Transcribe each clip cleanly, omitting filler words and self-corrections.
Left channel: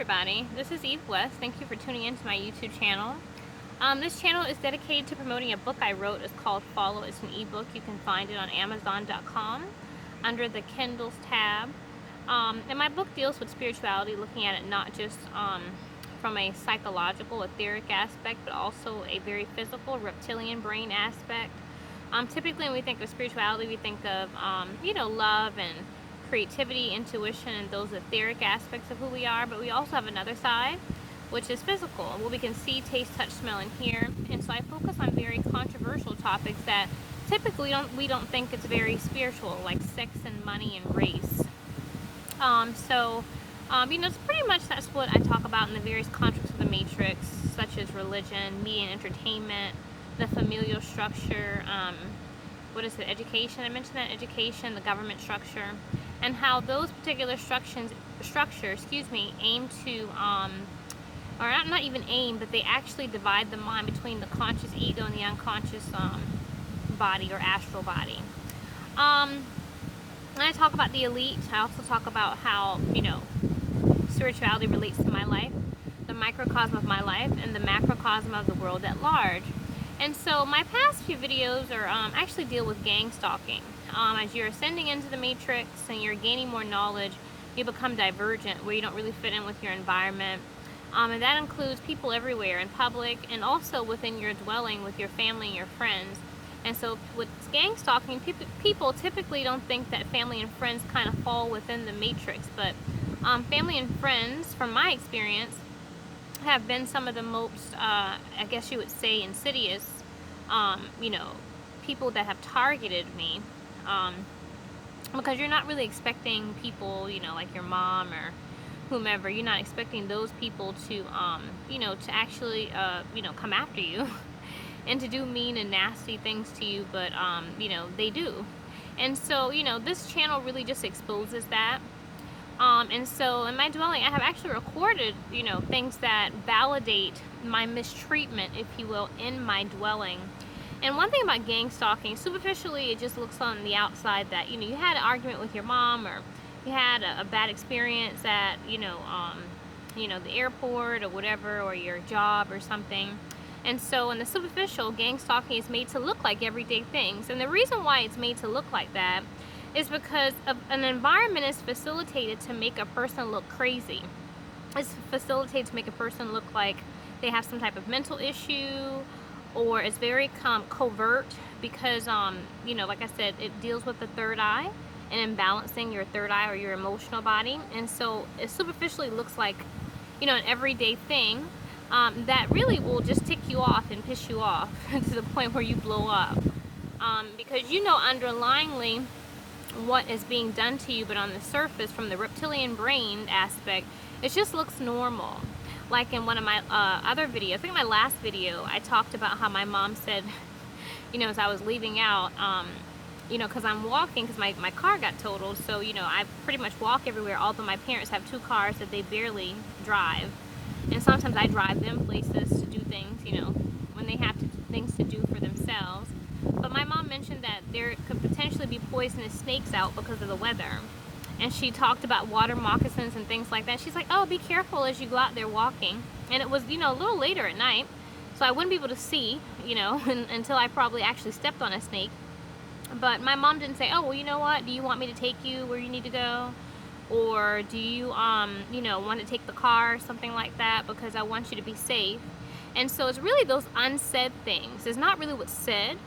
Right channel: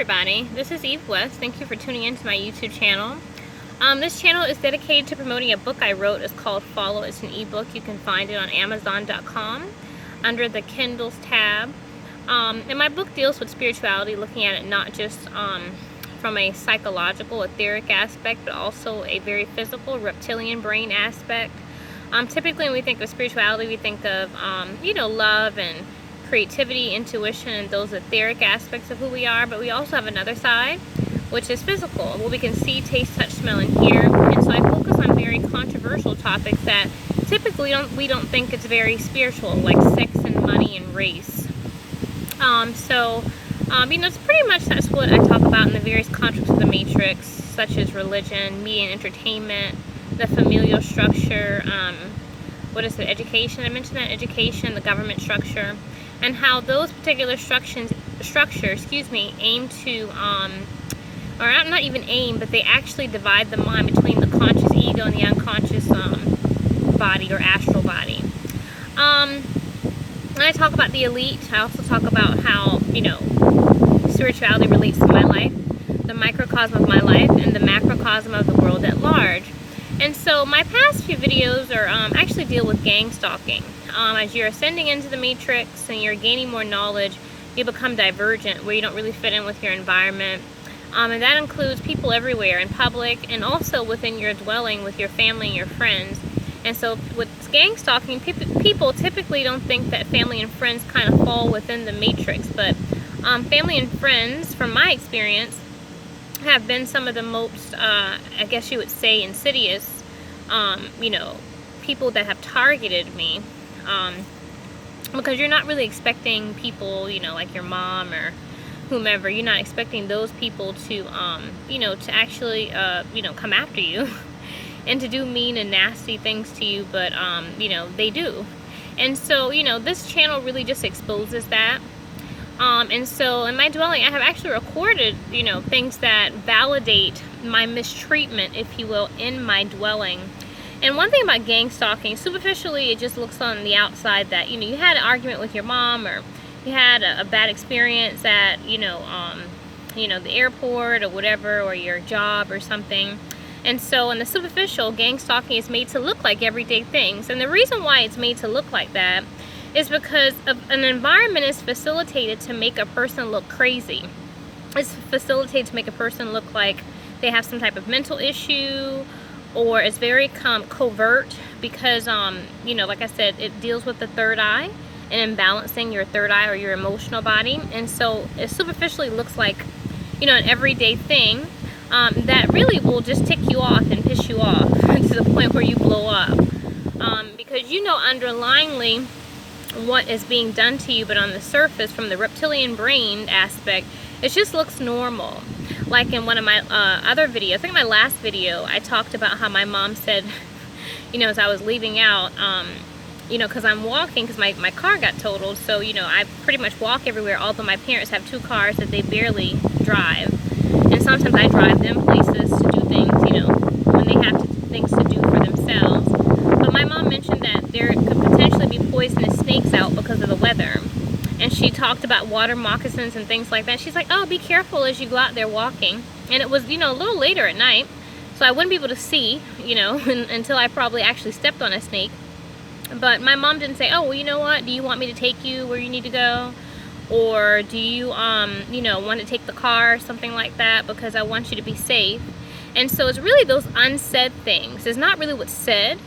everybody, this is Eve West. Thank you for tuning in to my YouTube channel. This channel is dedicated to promoting a book I wrote. It's called Follow. It's an ebook. You can find it on Amazon.com under the Kindles tab. And my book deals with spirituality, looking at it not just from a psychological, etheric aspect, but also a very physical, reptilian brain aspect. Typically when we think of spirituality, we think of, love and creativity, intuition, and those etheric aspects of who we are, but we also have another side, which is physical, what we can see, taste, touch, smell, and hear. And so I focus on very controversial topics that typically we don't think it's very spiritual, like sex and money and race. It's pretty much that's what I talk about in the various constructs of the matrix, such as religion, media and entertainment, the familial structure, education, I mentioned that, education, the government structure, and how those particular structures aim to, or not even aim, but they actually divide the mind between the conscious ego and the unconscious body or astral body. When I talk about the elite, I also talk about how, spirituality relates to my life, the microcosm of my life, and the macrocosm of the world at large. And so my past few videos are actually deal with gang stalking. As you're ascending into the matrix and you're gaining more knowledge, you become divergent, where you don't really fit in with your environment. And that includes people everywhere, in public, and also within your dwelling with your family and your friends. And so with gang stalking, people typically don't think that family and friends kind of fall within the matrix, but family and friends, from my experience, have been some of the most, I guess you would say, insidious, people that have targeted me, because you're not really expecting people, like your mom or whomever, you're not expecting those people to, to actually, come after you and to do mean and nasty things to you, but, they do. And so, this channel really just exposes that. And so in my dwelling, I have actually recorded, things that validate my mistreatment, if you will, in my dwelling. And one thing about gang stalking, superficially, it just looks on the outside that, you had an argument with your mom, or you had a bad experience at, the airport or whatever, or your job or something. And so in the superficial, gang stalking is made to look like everyday things. And the reason why it's made to look like that is because an environment is facilitated to make a person look crazy. It's facilitated to make a person look like they have some type of mental issue, or it's very covert because, like I said, it deals with the third eye and imbalancing your third eye or your emotional body. And so it superficially looks like, an everyday thing that really will just tick you off and piss you off to the point where you blow up. Because underlyingly what is being done to you, but on the surface, from the reptilian brain aspect, it just looks normal. Like in one of my other videos, I think my last video, I talked about how my mom said, as I was leaving out, because I'm walking, because my car got totaled, so, I pretty much walk everywhere, although my parents have 2 cars that they barely drive. And sometimes I drive them places to do things, when they have things to do for themselves. But my mom mentioned that there could potentially be poisonous snakes out because of the weather. And she talked about water moccasins and things like that. She's like, oh, be careful as you go out there walking. And it was, a little later at night, so I wouldn't be able to see, until I probably actually stepped on a snake. But my mom didn't say, oh, well, you know what? Do you want me to take you where you need to go? Or do you, want to take the car or something like that, because I want you to be safe. And so it's really those unsaid things. It's not really what's said.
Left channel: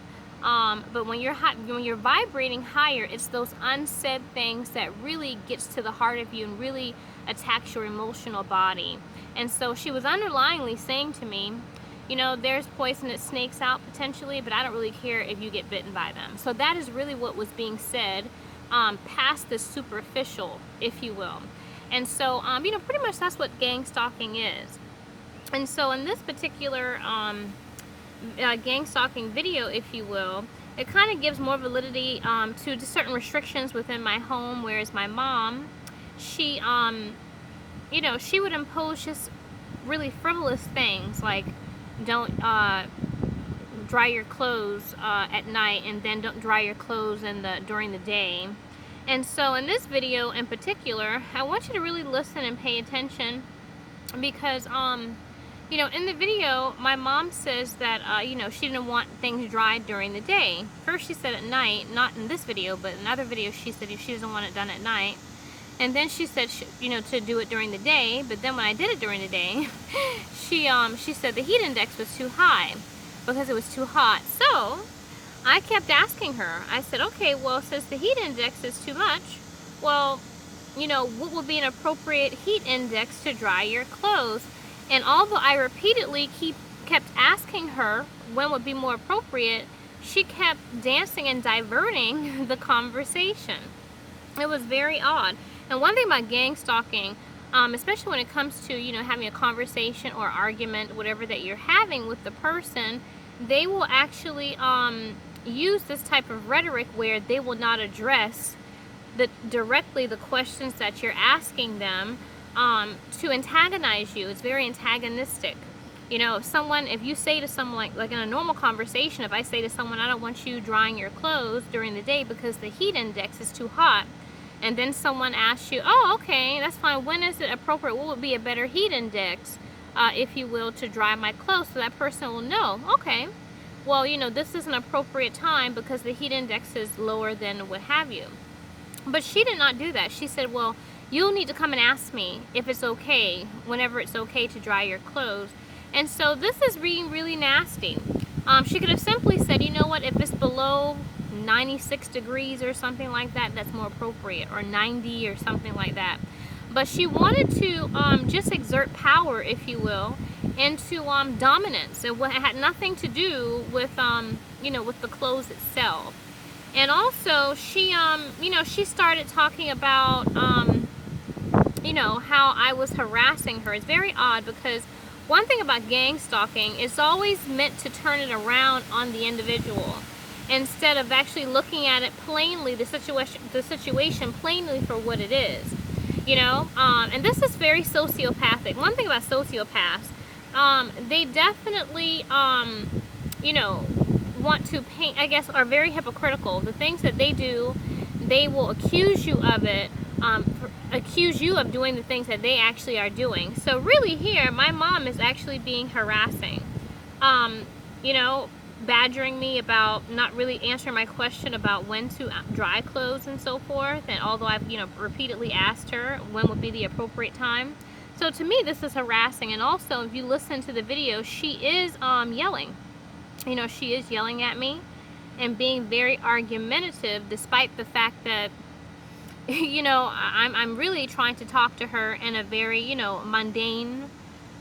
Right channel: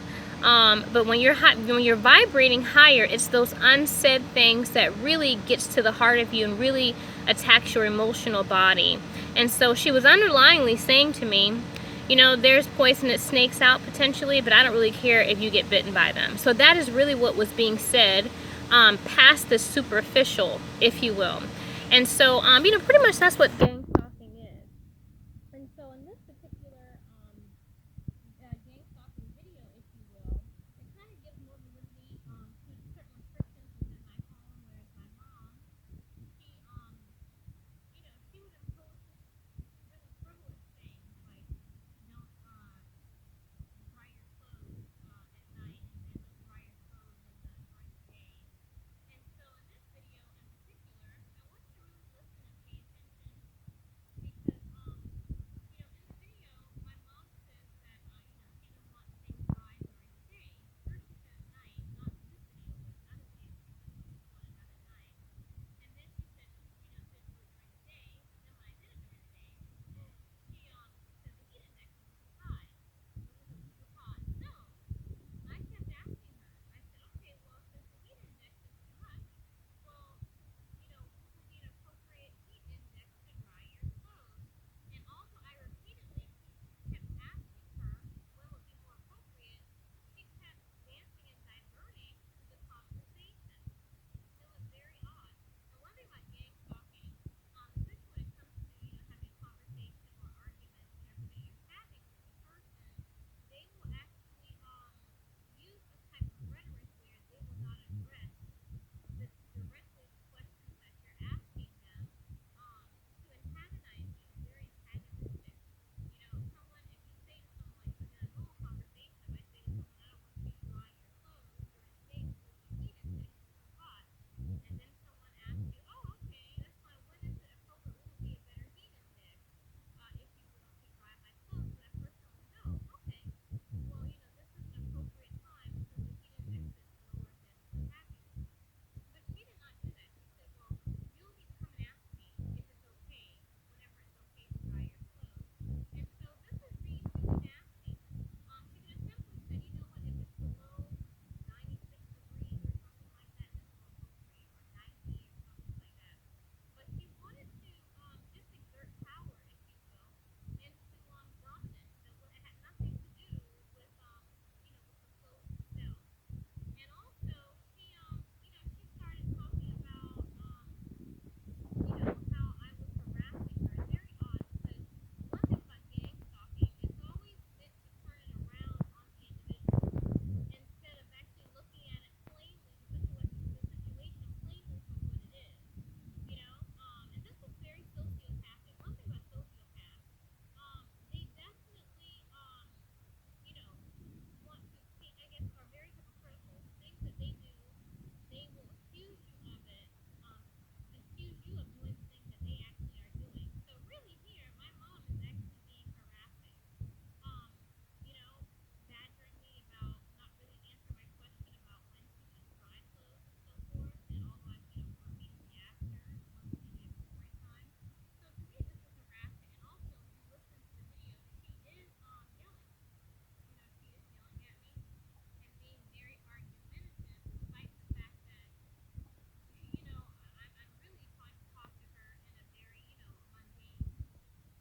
But when you're vibrating higher, it's those unsaid things that really gets to the heart of you and really attacks your emotional body. And so she was underlyingly saying to me, there's poisonous snakes out potentially, but I don't really care if you get bitten by them. So that is really what was being said, past the superficial, if you will. And so, pretty much that's what gang stalking is. And so in this particular gang stalking video, if you will, it kind of gives more validity to certain restrictions within my home, whereas my mom, she she would impose just really frivolous things, like don't dry your clothes at night, and then don't dry your clothes during the day. And so in this video in particular, I want you to really listen and pay attention because you know, in the video, my mom says that you know, she didn't want things dried during the day. First she said at night, not in this video, but in other videos she said she doesn't want it done at night. And then she said, you know, to do it during the day. But then when I did it during the day, she said the heat index was too high because it was too hot. So I kept asking her. I said, okay, well, since the heat index is too much, well, you know, what would be an appropriate heat index to dry your clothes? And although I repeatedly kept asking her when would be more appropriate, she kept dancing and diverting the conversation. It was very odd. And one thing about gang stalking, especially when it comes to, you know, having a conversation or argument, whatever that you're having with the person, they will actually use this type of rhetoric where they will not address directly the questions that you're asking them, to antagonize you. It's very antagonistic. You know, if you say to someone, like in a normal conversation, if I say to someone, I don't want you drying your clothes during the day because the heat index is too hot, and then someone asks you, oh, okay, that's fine, when is it appropriate, what would be a better heat index, if you will, to dry my clothes, so that person will know, okay, well, you know, this is an appropriate time because the heat index is lower than what have you. But she did not do that. She said, well, you'll need to come and ask me if it's okay, whenever it's okay to dry your clothes. And so this is being really nasty. She could have simply said, you know what, if it's below 96 degrees or something like that, that's more appropriate, or 90 or something like that. But she wanted to just exert power, if you will, into dominance. It had nothing to do with, you know, with the clothes itself. And also, she, you know, she started talking about, you know, how I was harassing her. It's very odd because one thing about gang stalking, it's always meant to turn it around on the individual instead of actually looking at it plainly, the situation plainly for what it is. You know, and this is very sociopathic. One thing about sociopaths, they definitely, you know, want to paint, I guess, are very hypocritical. The things that they do, they will accuse you of it, accuse you of doing the things that they actually are doing. So really here, my mom is actually being harassing, you know, badgering me about not really answering my question about when to dry clothes and so forth. And although I've, you know, repeatedly asked her when would be the appropriate time. So to me, this is harassing. And also, if you listen to the video, she is yelling. You know, she is yelling at me and being very argumentative, despite the fact that, you know, I'm really trying to talk to her in a very, you know, mundane,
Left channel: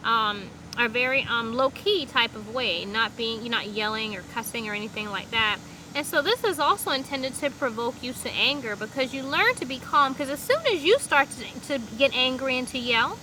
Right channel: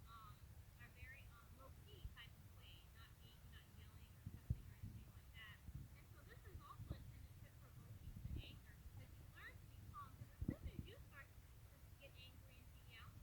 a very low-key type of way, not yelling or cussing or anything like that. And so this is also intended to provoke you to anger, because you learn to be calm, because as soon as you start to get angry and to yell,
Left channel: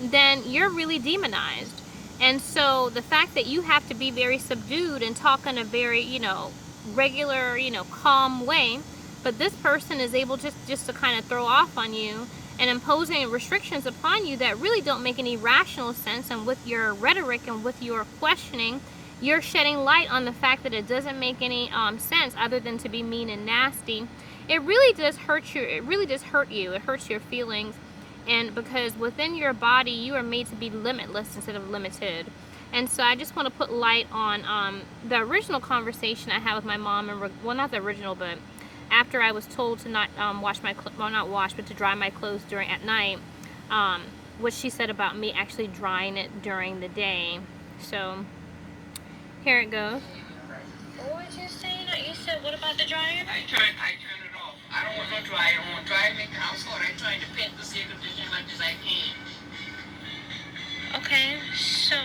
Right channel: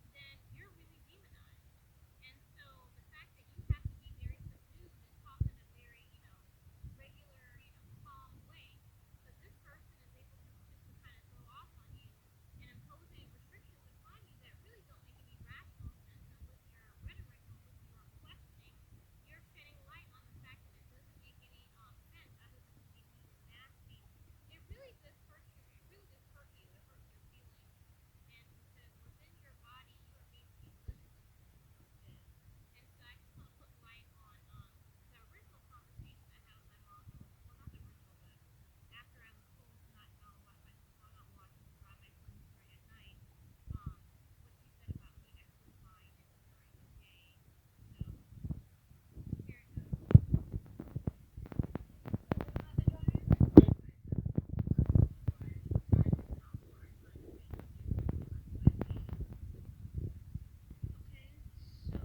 then you're really demonized. And so the fact that you have to be very subdued and talk in a very, you know, regular, you know, calm way, but this person is able just to kind of throw off on you and imposing restrictions upon you that really don't make any rational sense. And with your rhetoric and with your questioning, you're shedding light on the fact that it doesn't make any sense other than to be mean and nasty. It really does hurt you. It really does hurt you. It hurts your feelings. And because within your body, you are made to be limitless instead of limited. And so I just want to put light on the original conversation I had with my mom, and well, not the original, but after I was told to not wash my well, not wash, but to dry my clothes at night, what she said about me actually drying it during the day. So here it goes. What was you saying? You said, what about the dryer? I turn it off. I don't want no dryer. I want dryer make the house hot. I'm trying to paint this air conditioner as much as I can. Okay, so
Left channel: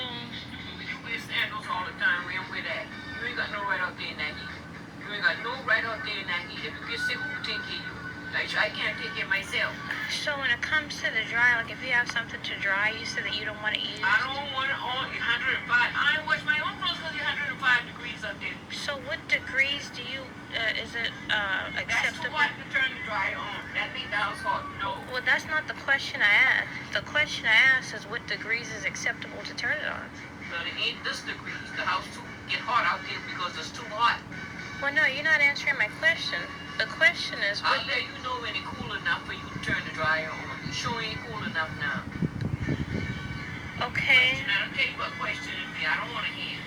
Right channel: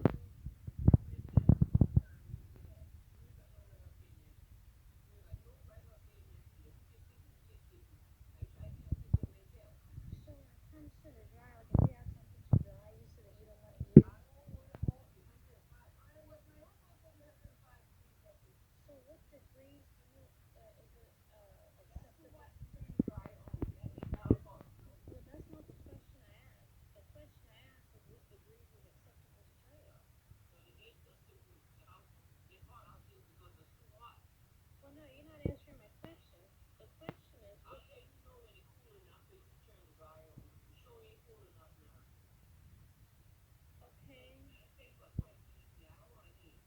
you wear sandals all the time. We don't wear that. You ain't got no right out there, Naggy. You ain't got no right out there, Naggy. If you get sick, who will take care of you? Like, I can't take care of myself. So when it comes to the dry, like if you have something to dry, you said that you don't want to use. I don't want it on 105. I ain't wash my own clothes because it's 105 degrees up there. So what degrees do you, is it acceptable? That's too hot to turn the dryer on. That makes the house hot. No. Well, that's not the question I asked. The question I asked is what degrees is acceptable to turn it on. Well, it ain't this degrees. The house too get hot out there because it's too hot. Well, no, you're not answering my question. The question is, I'll let you know when it's cool enough for you to turn the dryer on. You sure ain't cool enough now. I don't want to hear.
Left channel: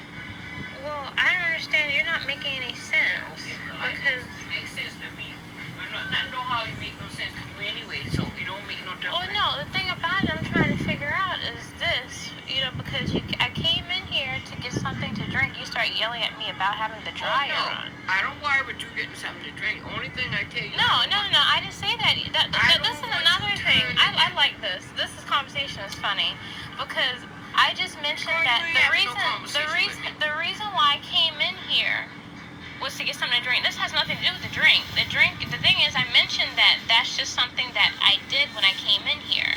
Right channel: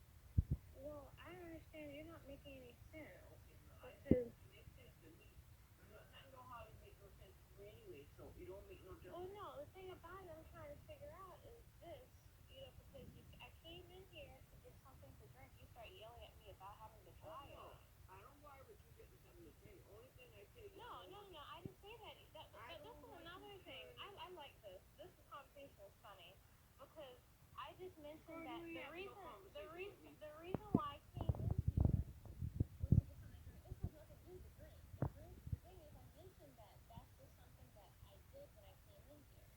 Well, I don't understand. You're not making any sense. Because it makes sense to me. But I don't know how it makes no sense to you anyway, so it don't make no difference. well, no, the thing about it I'm trying to figure out is this, because I came in here to get something to drink. You start yelling at me about having the dryer on. I don't worry about you getting something to drink. Only thing I tell you. No, I didn't say that. This is another thing. I like this. This conversation is funny because I just mentioned that the reason why I came in here was to get something to drink. This has nothing to do with the drink. The thing is, I mentioned that that's just something that I did when I came in here.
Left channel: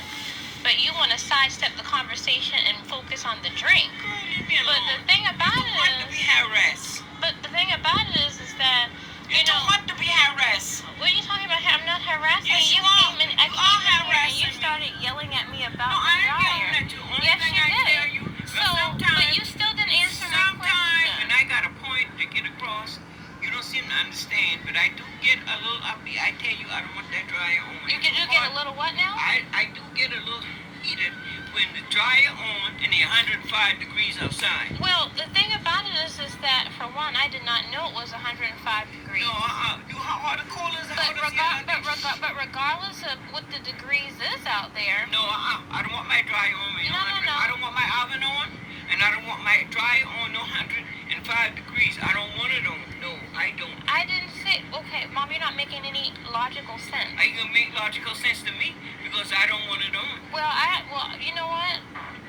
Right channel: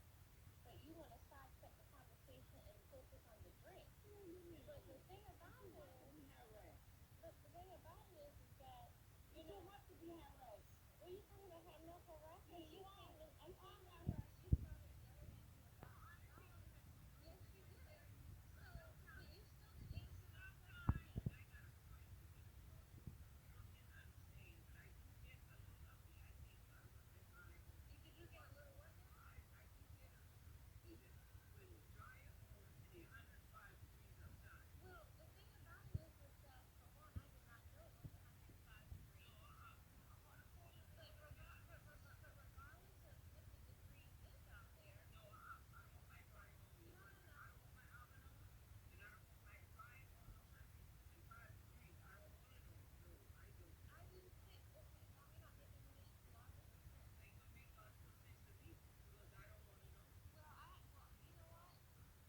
But you want to sidestep the conversation and focus on the drink. Girl, leave me alone. But the thing about it want to be harassed. But the thing about it is that You don't want to be harassed. what are you talking about? I'm not harassing Yes, you. you are. I came in here and you started yelling at me about No, the I ain't dryer. yelling at you. Only Yes, thing you I did. tell you, But you still didn't answer my sometimes, question. and I got a point to get across, you don't seem to understand, but I do get a little uppy. I tell you, I don't want that dryer on. You get a little what now? I do get a little heated when the dryer on and the 105 degrees outside. Well, the thing about it is that for one, I did not know it was 105 degrees. No, how the coolers, But regardless of what the degrees is out there. No, I don't want my dryer on. No. I don't want my oven on, and I don't want my dryer on no 105 degrees. I don't want it on. No, I don't. I didn't say, okay, Mom, you're not making any logical sense. Are you gonna make logical sense to me? Because I don't want it on. Well, you know what?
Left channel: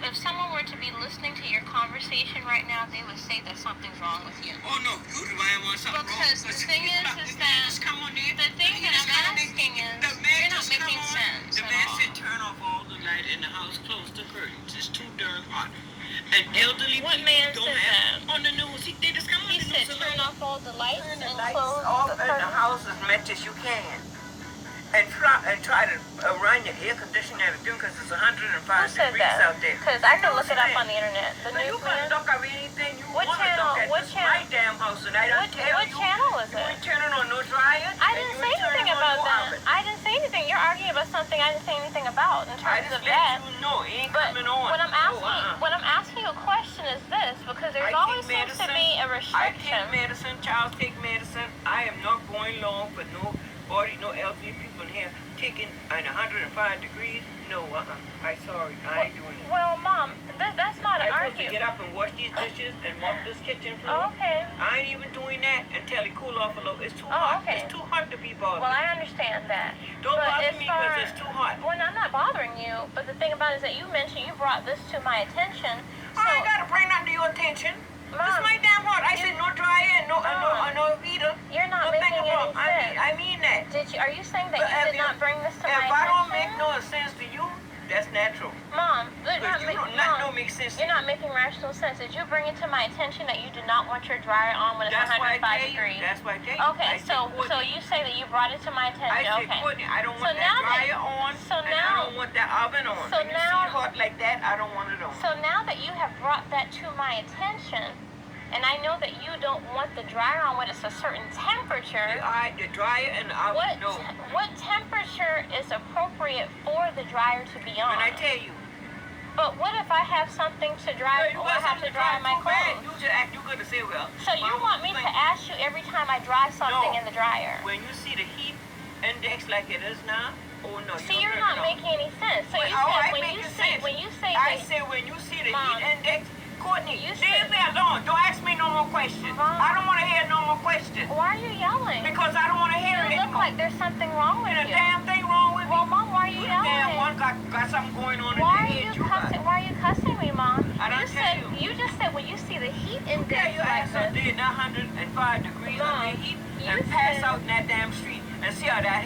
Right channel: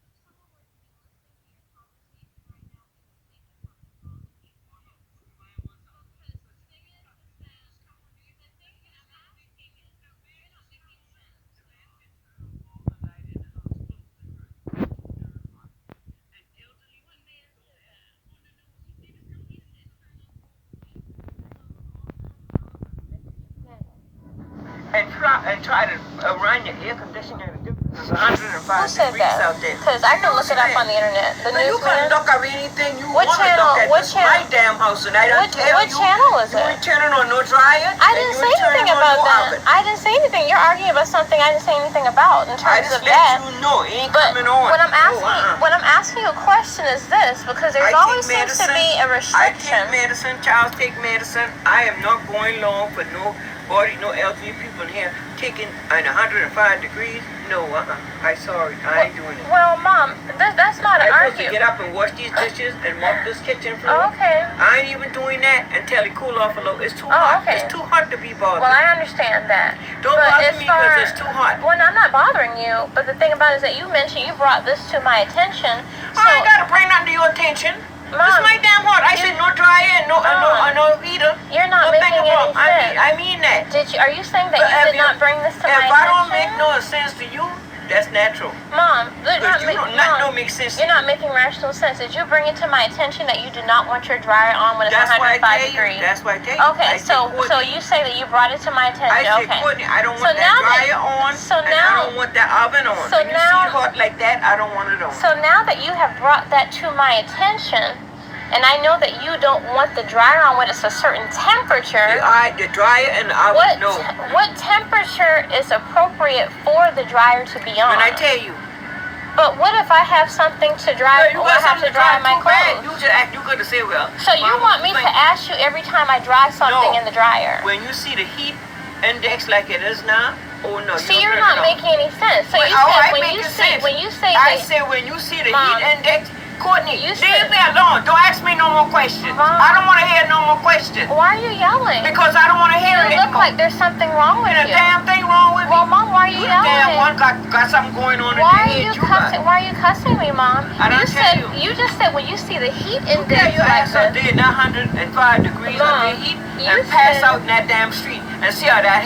If someone were to be listening to your conversation right now, they would say that something's wrong with you. Oh no, you the one want something wrong. Because the thing is that the thing that I'm asking is, you're not making sense The at man all. said turn off all the light in the house, close the curtains. It's too darn hot. And elderly What people man don't said have that? on the news. They just come on He the said news. turn off all the lights Turn the and lights close off the in the curtains. house as much as you can. And try to run your air conditioner because it's 105 Who said degrees that? out there. Because I can look it up on the internet. The But you newsman. can look up anything you What want to channel- look at. what This is my channel- damn house, and I don't tell you. What channel is You it? ain't turning on no dryer. I and didn't you say ain't turning anything on about no that. oven. I didn't say anything. You're arguing about something I didn't say anything about in I terms just of let that. you know it ain't But coming on. when I'm asking, No, when I'm asking you a question is this, because there I always take seems to be a I restriction. take medicine. Charles take medicine. I am not going long for nobody, no elderly people in here taking on 105 degrees. No, I'm sorry. I ain't doing it. Well, Mom, that's not an I'm supposed to argument. get up and wash these dishes and mop this kitchen floor. Oh, okay. I ain't even doing that until it cool off a little. It's too Oh, hot. okay. It's too hot to be bothered. Well, I understand that. Don't but bother as me far- because it's too hot. Well, I'm not bothering you, but the thing about it is that you mentioned you brought this to my attention. So, I ain't got to bring nothing to your attention. Mom, It's my damn hot. I said no dryer and no heater. you're not No making thing any about. sense. I mean that. Are you saying that But you if did not bring this to my If attention? I don't make no sense to you, that's natural. Mom, Because you don't Mom, don't make sense to you're not making rational sense. Did you bring it to my attention that you did not want your dryer on when it's That's why I 105 tell degrees? you. That's why I tell you. Okay, I said, so Courtney, you say that you brought it to my attention. I said, Okay. Courtney, I don't So want now that dryer on, so and now- I don't want that oven on. so When you now- see it hot like that, I don't want it on. So now that you have brought that to my attention, and I know that you don't want the dryer on when it's a certain temperature, The dryer and the oven, what temperature is appropriate for the dryer to be on? When I tell you, But what if I have something to dry, you or got I have something to dry my too bad. clothes? You just act. You gotta say, well. So you Mama, want me to ask you every time I dry something No. in the dryer? When you see the heat index like it is now, oh no. See, you you're don't not turn it on. making any sense. So Wait, you oh, said I when make you it say sense. when you say I that, said when you see the Mom, heat index, Courtney, you leave said- me alone. Don't ask me no more questions. Mom. I don't want to hear no more questions why are you yelling? because I don't want to hear it You look anymore. like there's something wrong with Ain't a you. damn thing wrong with me. Well, Mom, why are you You the damn yelling? one got something going on in Why your are head. you You got. cussing? Why are you cussing me, Mom? I don't tell you. You just said when you see the heat You index tell your like ass up this. there in that 105 degrees Mom, under heat you and pass said- out in that damn street and see how that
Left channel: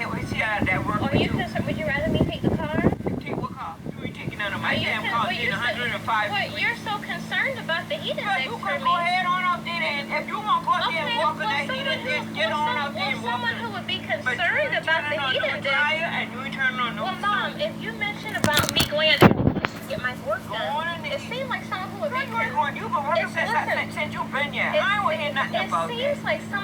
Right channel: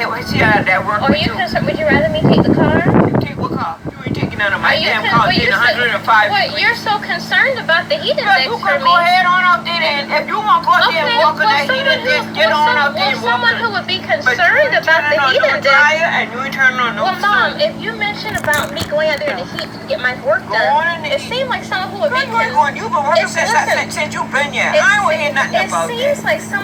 works Are with you you. concerned? Would you rather me take the car? Take what car? You ain't taking none of my Are you damn con- car well, in you said- 105 What, degrees. you're so concerned about the heat Yeah, index you for can me. go ahead on out there and if you want to go out there and walk in that heat someone index, get on out there and walk someone in who it. would be But you concerned ain't about the turning on heat no index. dryer and you ain't turning on no Well, Mom, stove. if you mention about me going out there to heat and get my work Go done, on in the it heat. seemed like someone who would Girl, be you ain't going. You've been working Listen, since you've been here. it I ain't hear nothing it about that. seems like someone